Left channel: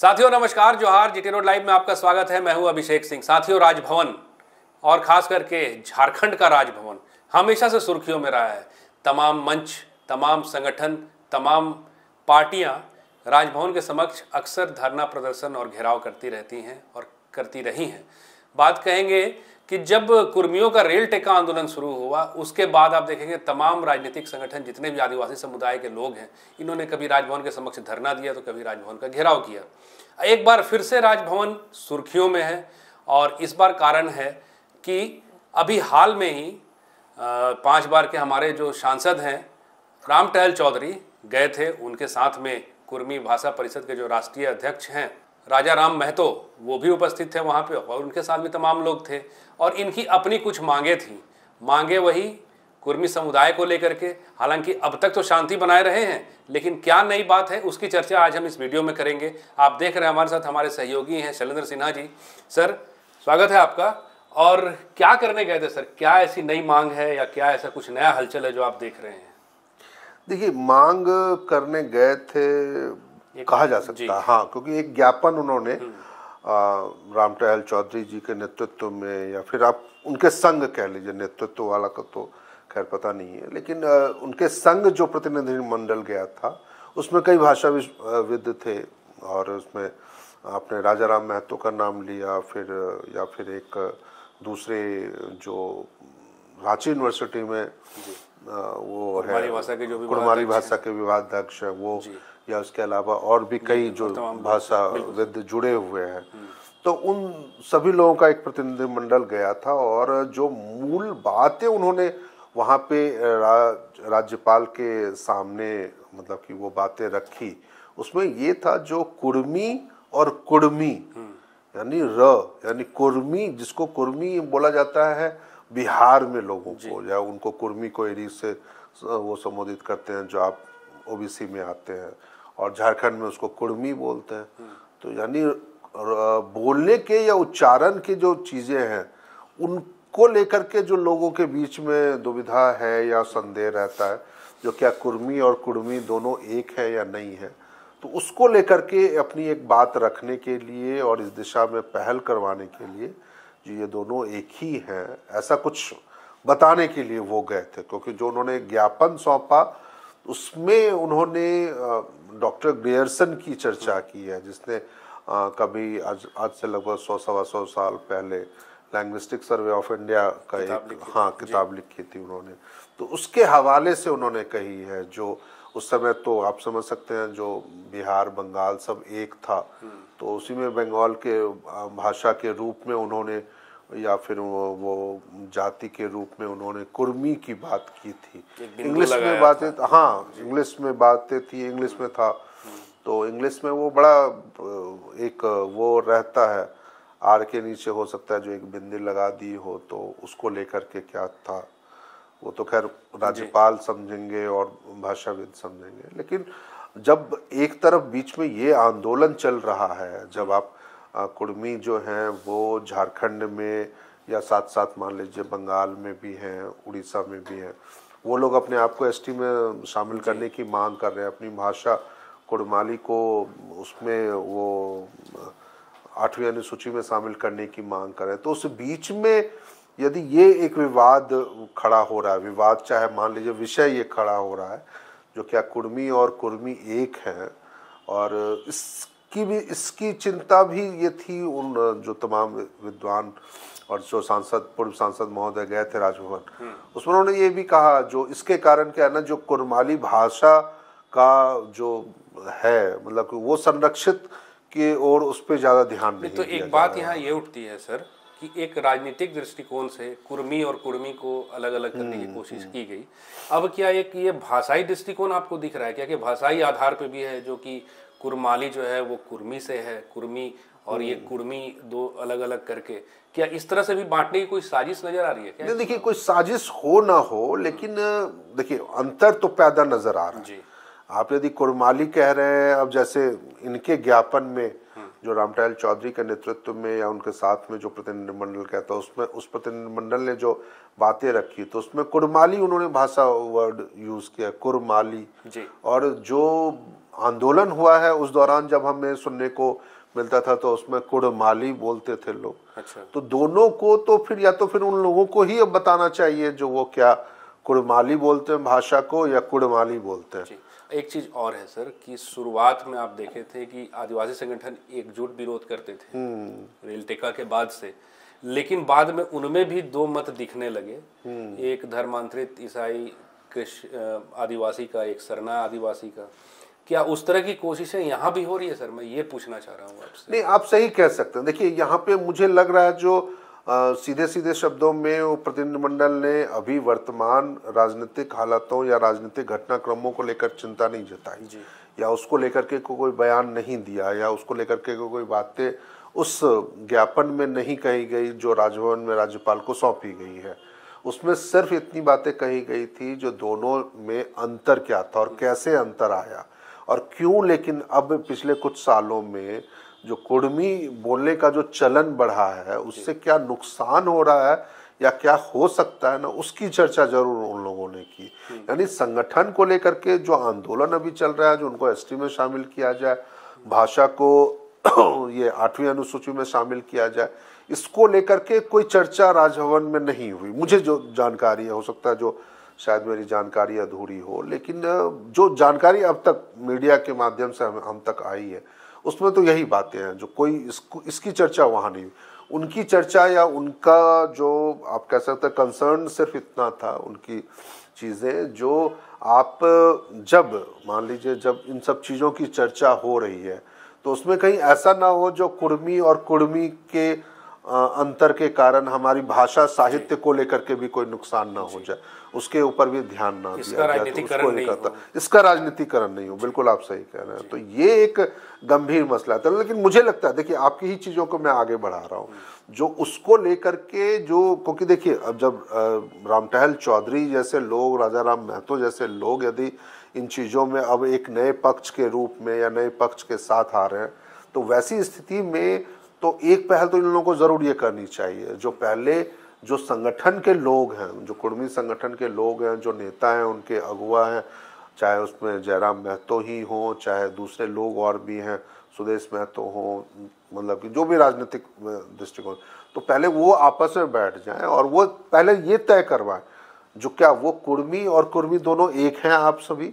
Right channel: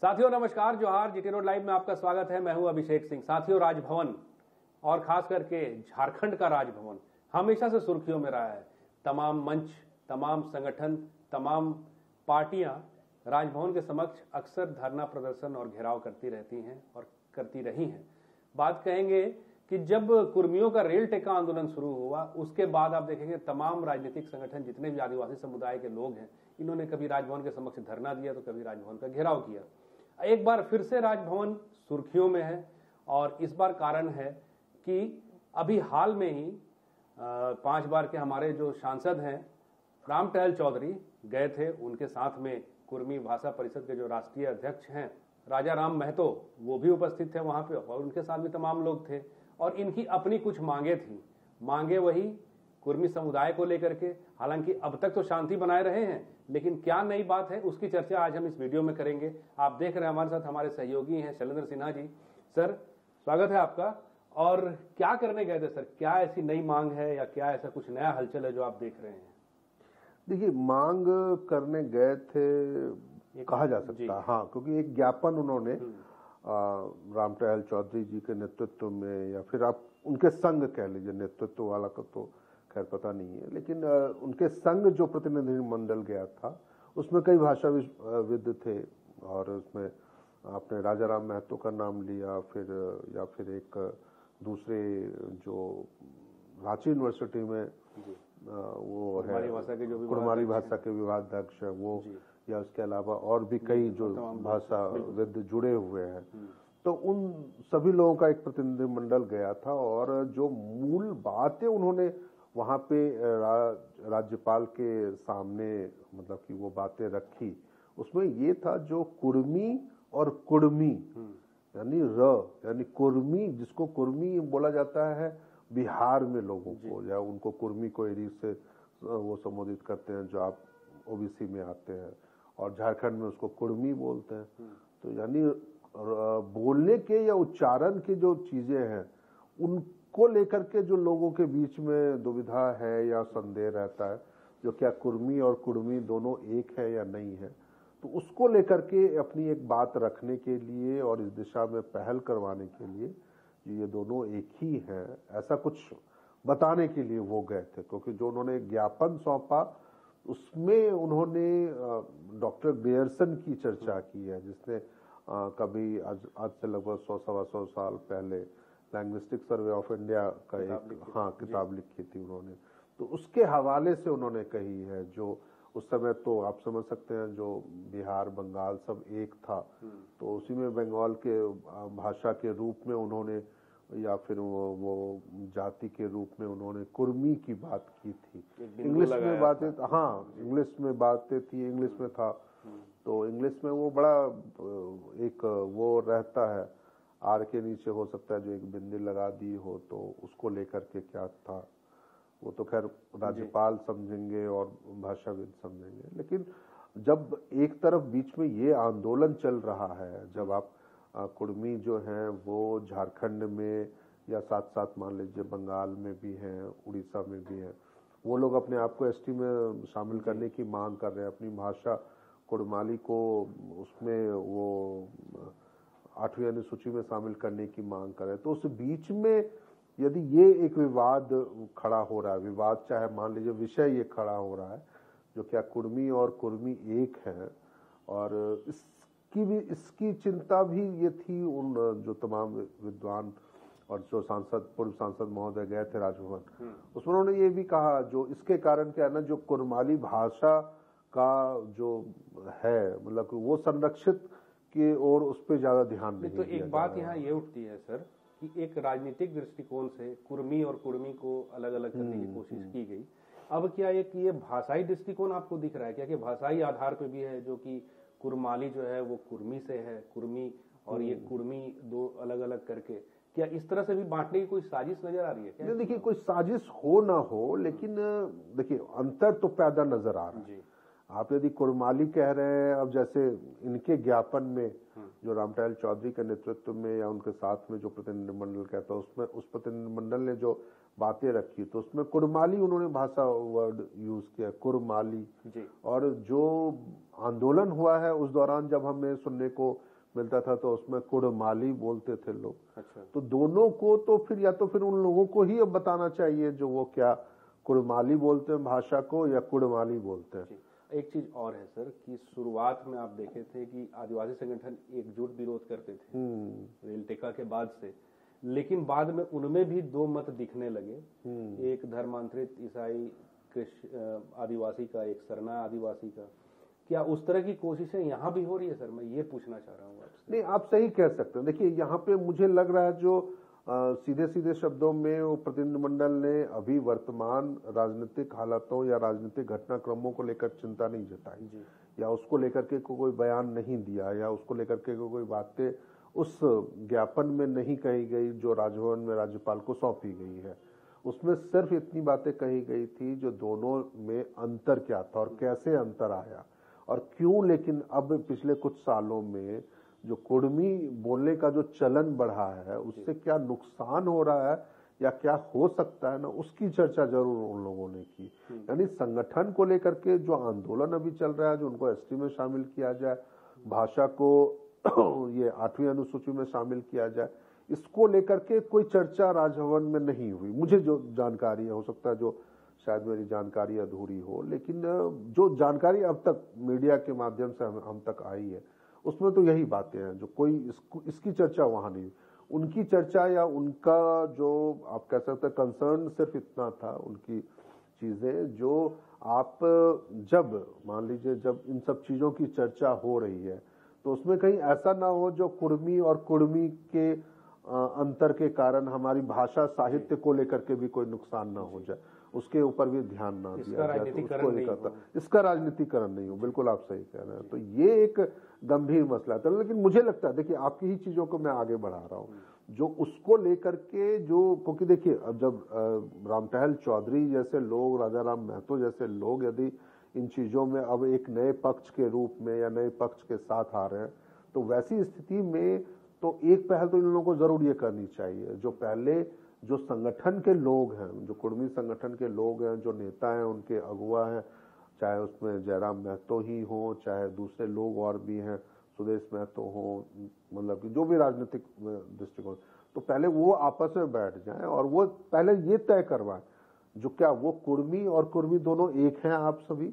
साथियों नमस्कार, जोहार। जीटी रोड लाइव में आपका स्वागत है। मैं हूं अभिषेक सिंह। साथियों, राजभवन और खास करके झारखंड का राजभवन हमेशा से सुर्खियों में रहा है। तमाम मंच, तमाम संगठन, तमाम पार्टियां राजभवन के समक्ष अक्सर धरना प्रदर्शन और घेराव करती रहती हैं और करती रही हैं। बात कहेंगे कि जब कुर्मियों का रेल टेका आंदोलन शुरू हुआ उसके बाद आप देखेंगे तमाम राजनीतिक संगठन, जितने भी आदिवासी समुदाय के लोग हैं, इन्होंने कभी राजभवन के समक्ष धरना दिया तो कभी राजभवन का घेराव किया। एक बार फिर से राजभवन सुर्खियों में है और इस बार कारण है कि अभी हाल में ही 5 बार के हमारे जो सांसद हैं रामटहल चौधरी गए थे। उनके साथ में कुर्मी भाषा परिषद के जो राष्ट्रीय अध्यक्ष हैं राजा राम महतो, वो भी उपस्थित थे वहाँ पे और उनके साथ भी तमाम लोग थे। और इनकी अपनी कुछ मांगे थी, मांगे वही कुर्मी समुदाय को लेकर के। हालांकि अब तक तो शांति बनाए रहे हैं, लेकिन क्या नई बात है उसकी चर्चा आज हम इस वीडियो में करेंगे। आप देख रहे हैं हमारे साथ हमारे सहयोगी हैं शैलेंद्र सिन्हा जी। सर, स्वागत है आपका। और क्या करने गए थे सर? क्या ऐसी नई मांग है या क्या ऐसा कुछ नया हलचल है जो आप देख रहे हैं? देखिए, मांग करने गए थे कहा जा सकता है, हाँ, क्योंकि एक ज्ञापन उन्होंने रामटहल चौधरी जी के नेतृत्व में, या फिर आप उनके संग कह लीजिए, नेतृत्व वाला का तो खैर पता नहीं है, लेकिन उनके संग जो प्रतिनिधिमंडल गया था उसमें कई भाषाविद थे और उसमें आपने राजा राम महतो का नाम लिया, फिर एक दूसरे जो रांची यूनिवर्सिटी में वो है कुड़माली भाषा के विभागाध्यक्ष है वो, या उसके अलावा और भी कई जो भाषाविद जुड़े हुए हैं, तो उन सभी लोगों का एक प्रतिनिधिमंडल गया था। और जो मूल बातें उन्होंने वहाँ पे राज्यपाल के सामने मतलब कि वो बातें रखी, उसमें ये था जो कुर्मी और कुड़मी यानी कुर्मी, जिसको कुर्मी बोला जाता है बिहार में लोगों को, या उनको कुर्मी को एरी से वो संबोधित करते हैं जो आप ओबीसी में आते हैं, और झारखंड में उसको कुर्मी बोलते हैं। तो यानी बोलने के या उच्चारण की जो चीज़ें हैं उनको लेकर के जो लोगों के बीच में दुविधा है या संदेह रहता है, जो क्या कुर्मी और कुड़मी दोनों एक है या नहीं है, तो उसको लेकर के अपनी एक बात रखने के लिए और इस दिशा में पहल करवाने के लिए जो ये दोनों एक ही हैं, ऐसा कुछ बताने के लिए वो गए थे। क्योंकि जो उन्होंने ज्ञापन सौंपा उसमें उन्होंने डॉक्टर ग्रियर्सन की चर्चा की है, जिसने कभी आज से लगभग 100-125 साल पहले लैंग्विस्टिक सर्वे ऑफ इंडिया का एक किताब लिखी थी उन्होंने, तो उसके हवाले से उन्होंने कही है। जो उस समय तो आप समझ सकते हैं जो बिहार बंगाल सब एक था, तो उसी में बंगाल के भाषा के रूप में उन्होंने या फिर वो जाति के रूप में उन्होंने कुर्मी की बात की थी। इंग्लिश में बातें, हाँ, इंग्लिश में बातें थी, इंग्लिश में था, तो इंग्लिश में वो बड़ा एक वो रहता है, आर के नीचे हो सकता है जो एक बिंदी लगा दी हो, तो उसको लेकर के क्या था वो तो खैर राज्यपाल समझेंगे और भाषाविद समझेंगे। लेकिन जब एक तरफ बीच में ये आंदोलन चल रहा है, जब आप कुर्मी जो हैं वो झारखंड में या साथ साथ मान लीजिए बंगाल में भी हैं, उड़ीसा में भी हैं, वो लोग अपने आप को एसटी में शामिल करने की मांग कर रहे हैं, अपनी भाषा कुड़माली को उसमें वो 8वीं अनुसूची में शामिल करने की मांग कर रहे हैं। तो उस बीच में यदि ये एक विवाद खड़ा हो रहा है, विवाद चाहे मान लीजिए विषय ये खड़ा हो रहा है जो क्या कुर्मी और कुर्मी एक हैं, और इसकी चिंता भी ये थी उन जो तमाम विद्वान और जो पूर्व सांसद महोदय गए थे राजभवन, उसमें उन्होंने ये भी कहा जो इसके कारण क्या है ना, जो कुड़माली भाषा का जो है मतलब वो संरक्षित की ओर उस पर ज़्यादा ध्यान नहीं तो एक बात यहाँ ये उठती है सर कि एक राजनीतिक दृष्टिकोण से कुर्मी और कुड़मी को अलग अलग करने की कोशिश की गई। अब क्या एक ये भाषाई दृष्टिकोण आपको दिख रहा है क्या कि भाषाई आधार पे भी है, जो कि कुरमाली जो है वो कुर्मी से है, कुर्मी और ये कुड़मी दो अलग अलग करके, क्या इस तरह से भी बांटने की कोई साजिश नजर आ रही है क्या? देखिए, कोई साजिश हो ना हो, लेकिन देखिए अंतर तो पैदा नजर आ रहा है। आप यदि कुरमाली कह रहे हैं, अब जैसे इनके ज्ञापन में जो रामटहल चौधरी के नेतृत्व में या उनके साथ में जो प्रतिनिधिमंडल कहता है उसमें उस प्रतिनिधिमंडल ने जो बातें रखी तो उसमें कुड़माली उन्होंने भाषा वर्ड यूज किया, कुड़माली जी। और जो आंदोलन हुआ है उस दौरान जब हमें सुनने को मिलता था तो उसमें कुड़माली बोलते थे लोग। अच्छा। तो दोनों को तो फिर या तो फिर उन लोगों को ही अब बताना चाहिए जो वो क्या कुड़माली बोलते हैं भाषा को या कुड़माली बोलते हैं। एक चीज और है सर कि शुरुआत में आप देखे थे कि आदिवासी संगठन एकजुट विरोध करते थे रेल टेका के बाद से, लेकिन बाद में उनमें भी दो मत दिखने लगे, एक धर्मांतरित ईसाई आदिवासी का, एक सरना आदिवासी का। क्या उस तरह की कोशिशें यहाँ भी हो रही है सर? मैं ये पूछना चाह रहा हूँ आपसे। नहीं, आप सही कह सकते हैं। देखिए यहाँ पे मुझे लग रहा है जो सीधे सीधे शब्दों में वो प्रतिनिधिमंडल ने अभी वर्तमान राजनीतिक हालातों या राजनीतिक घटनाक्रमों को लेकर चिंता नहीं जताई या उसको लेकर के कोई बयान नहीं दिया या उसको लेकर के कोई बातें उस ज्ञापन में नहीं कही गई जो राजभवन में राज्यपाल को सौंपी गई है। उसमें सिर्फ इतनी बातें कही गई थी जो दोनों में अंतर क्या था और कैसे अंतर आया और क्यों। लेकिन अब पिछले कुछ सालों में जो कुड़मी बोलने का जो चलन बढ़ा है उससे क्या नुकसान हो रहा है या क्या हो सकता है ना, उसकी चर्चा जरूर उन लोगों ने की। यानी संगठन को लेकर के जो आंदोलन अभी चल रहा है, जो उनको एसटी में शामिल किया जाए, भाषा को ये 8वीं अनुसूची में शामिल किया जाए, इसको लेकर के कोई चर्चा राजभवन में नहीं हुई। मुझे जो जानकारी है, हो सकता है जो शायद मेरी जानकारी अधूरी हो, लेकिन जो जानकारी अब तक मीडिया के माध्यम से हम तक आई है उसमें तो यही बातें हैं जो कोई इसकी चर्चा वहाँ नहीं हुई। उनकी चर्चा या उनका जो आप कह सकते हैं कंसर्न सिर्फ इतना था, उनकी चीज़ें जो आप जब मान लीजिए जब इन सब चीज़ों की चर्चा हो रही है तो उसमें कहीं ऐसा ना हो जो कुड़मी और कुड़मी के अंतर के कारण हमारी भाषा साहित्य को लेकर के भी कोई नुकसान ना हो जाए, उसके ऊपर भी ध्यान ना दिया जाए तो उसको नहीं करता। इसका राजनीतिकरण नहीं हो, बिल्कुल आप सही कह रहे हैं। तो ये एक गंभीर मसला था। लेकिन मुझे लगता है, देखिए आपकी ही चीज़ों को मैं आगे बढ़ा रहा हूँ जो उसको लेकर के जो, क्योंकि देखिए अब जब रामटहल चौधरी जैसे लोग, राजा राम महतो जैसे लोग यदि इन चीज़ों में अब एक नए पक्ष के रूप में या नए पक्ष के साथ आ रहे हैं तो वैसी स्थिति में तो एक पहल तो इन लोगों को ज़रूर ये करनी चाहिए, जो पहले जो संगठन के लोग हैं, जो कुड़मी संगठन के लोग हैं, जो नेता हैं, उनके अगुआ हैं, चाहे उसमें जयराम महतो ही हो, चाहे दूसरे लोग और भी हैं, सुदेश महतो हो, मतलब कि जो भी राजनीतिक दृष्टिकोण, तो पहले वो आपस में बैठ जाएं और वो पहले ये तय करवाएं जो क्या वो कुड़मी और कुर्मी दोनों एक हैं आप सभी,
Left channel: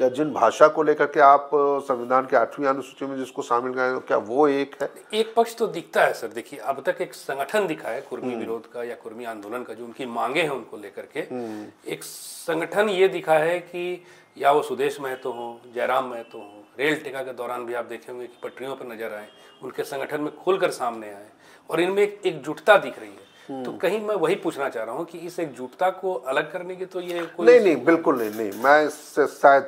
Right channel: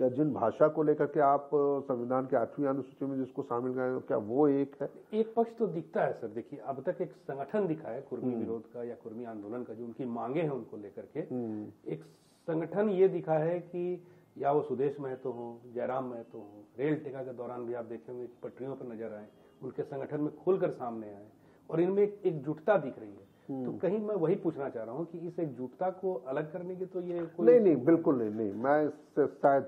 या जिन भाषा को लेकर के आप संविधान के 8वीं अनुसूची में जिसको शामिल करें क्या वो एक है? एक पक्ष तो दिखता है सर। देखिए अब तक एक संगठन दिखा है कुर्मी विरोध का या कुर्मी आंदोलन का, जो उनकी मांगे हैं उनको लेकर के एक संगठन ये दिखा है कि या वो सुदेश महतो हो, जयराम महतो हो, रेल टेका के दौरान भी आप देखे होंगे कि पटरियों पर नजर आए, उनके संगठन में खुलकर सामने आए और इनमें एक एकजुटता दिख रही है। तो कहीं मैं वही पूछना चाह रहा हूँ कि इस एकजुटता को अलग करने की तो ये कोई नहीं, बिल्कुल नहीं, मैं इससे शायद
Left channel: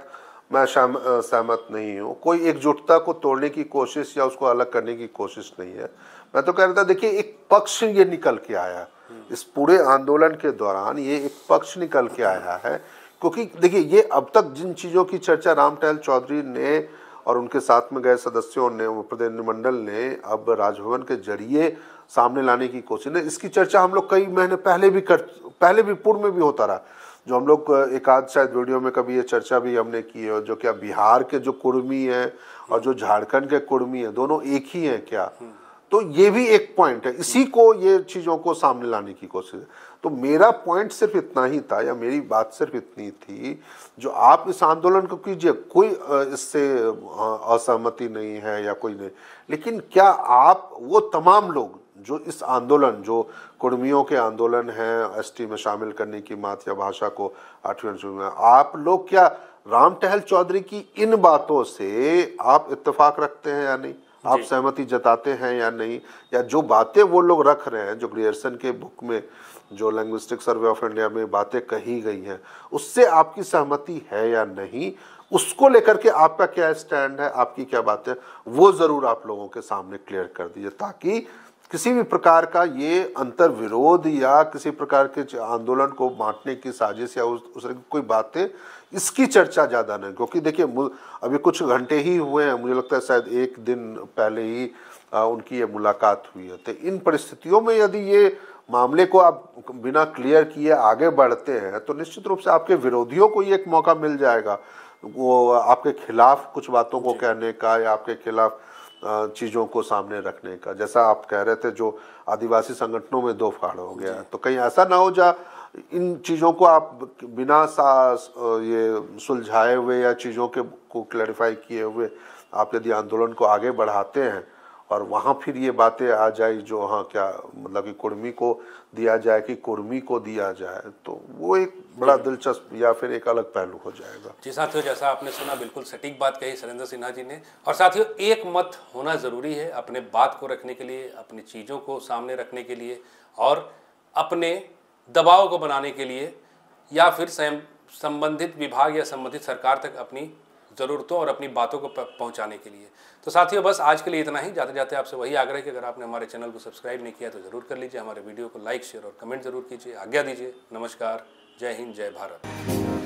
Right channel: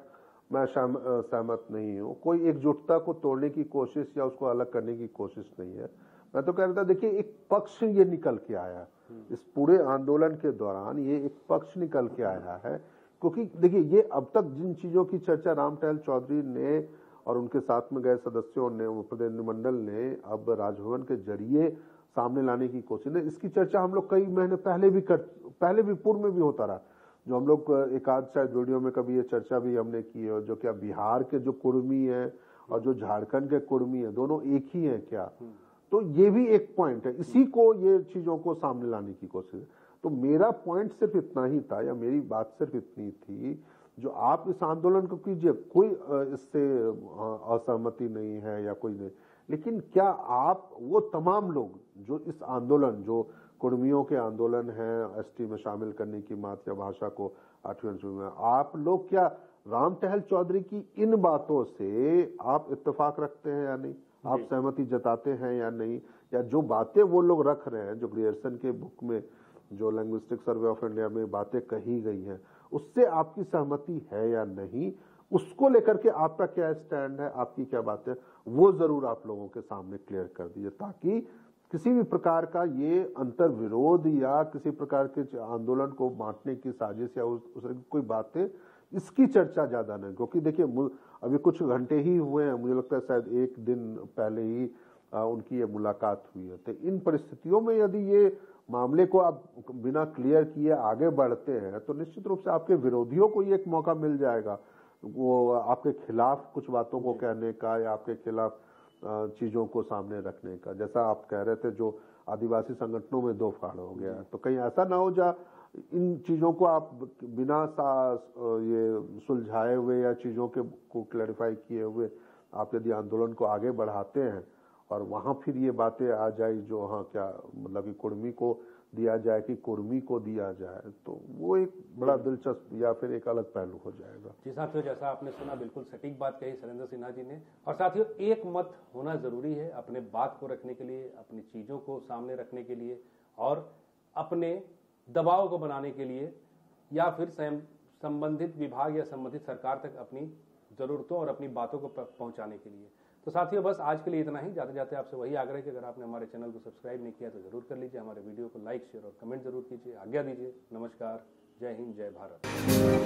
मैं सहमत नहीं हूँ। कोई एकजुटता को तोड़ने की कोशिश या उसको अलग करने की कोशिश नहीं है। मैं तो कह रहा था, देखिए एक पक्ष ये निकल के आया इस पूरे आंदोलन के दौरान, ये एक पक्ष निकल के आया है। क्योंकि देखिए ये अब तक जिन चीज़ों की चर्चा रामटहल चौधरी ने और उनके साथ में गए सदस्यों ने, प्रतिनिधिमंडल ने अब राजभवन के जरिए सामने लाने की कोशिश है, इसकी चर्चा हम लोग कई महीने पहले भी पूर्व में भी होता रहा। जो हम लोग एक आध शायद वीडियो में कभी ये चर्चा भी हमने की है, जो क्या बिहार के जो कुड़मी हैं और जो झारखंड के कुड़मी हैं दोनों एक ही हैं क्या? तो ये भी एक पॉइंट है, इसी को ये चीज़ों को सामने लाने की कोशिश है। तो मेरा पॉइंट सिर्फ इतना ही था या मेरी बात सिर्फ इतनी थी, जो आप इस आंदोलन को कीजिए, कोई इससे असहमति नहीं है या कोई नहीं, लेकिन क्या आप वो तमाम लोग जो इस आंदोलन, जो कुड़मियों के आंदोलन है एसटी में शामिल करने की बात या भाषा को 8वीं अनुसूची में, आप लोग क्या रामटहल चौधरी की इन बातों से आप इत्तेफाक रखते हैं या नहीं? आप सहमति जताते हैं या नहीं? या जो बातें वो लोग रख रहे हैं, जो ग्रियर्सन के बुक में, जो लिंग्विस्टिक सर्वे ऑफ इंडिया में बातें कही गई हैं, उससे आपकी सहमति है या नहीं? उसको लेकर के आपका क्या स्टैंड है, आपकी क्या बात है, वो जरूर आप लोगों के सामने क्लियर कर दीजिए, ताकि किसी भी प्रकार का ये अंतर विरोध या किसी प्रकार के आंदोलन को बांटने की साजिश या उस तरह की कोई बातें, इसकी चर्चा ज़्यादा नहीं। क्योंकि देखिए अभी कुछ घंटे ही हुए हैं, मुझे लगता है शायद एक दिन पहले ही उनकी ये मुलाकात हुई है। तो इन परिस्थितियों में यदि ये मामले को आप बिना क्लियर किए आगे बढ़ते हैं तो निश्चित रूप से आपके विरोधियों को ये एक मौका मिल जाएगा, वो आपके खिलाफ कुछ बातों को कहने का या आपके खिलाफ चीज़ों को सामने रखने का। जैसा आप कह रहे थे, जो आदिवासी संगठनों में दो फाड़ हो गया, तो कहीं ऐसा ना हो जा इन चीज़ों को आप बिना ये सुलझाए हुए या चीज़ों के को क्लैरिफाई किए हुए आप यदि आंदोलन को आगे बढ़ाते हैं और वहाँ फिर ये बातें आ जाए जो हाँ क्या मतलब कि कुर्मी को दिया जाए कि कुर्मी को दिया जाए, तो वो एक बड़ा दिलचस्प या फिर एक अलग पहलू हो जाएगा। जी साथियों, जैसा आपने सुना, बिल्कुल सटीक बात कही सरेंद्र सिन्हा जी ने। और साथियों, एक मत होना ज़रूरी है अपने बात को रखने के लिए, अपनी चीज़ों को सामने रखने के लिए और अपने दबाव को बनाने के लिए, या फिर संबंधित विभाग या संबंधित सरकार तक अपनी ज़रूरतों और अपनी बातों को पहुंचाने के लिए। तो साथियों, बस आज के लिए इतना ही। जाते जाते आपसे वही आग्रह कि अगर आपने हमारे चैनल को सब्सक्राइब नहीं किया तो ज़रूर कर लीजिए, हमारे वीडियो को लाइक, शेयर और कमेंट ज़रूर कीजिए। आज्ञा दीजिए। नमस्कार। जय हिंद, जय भारत।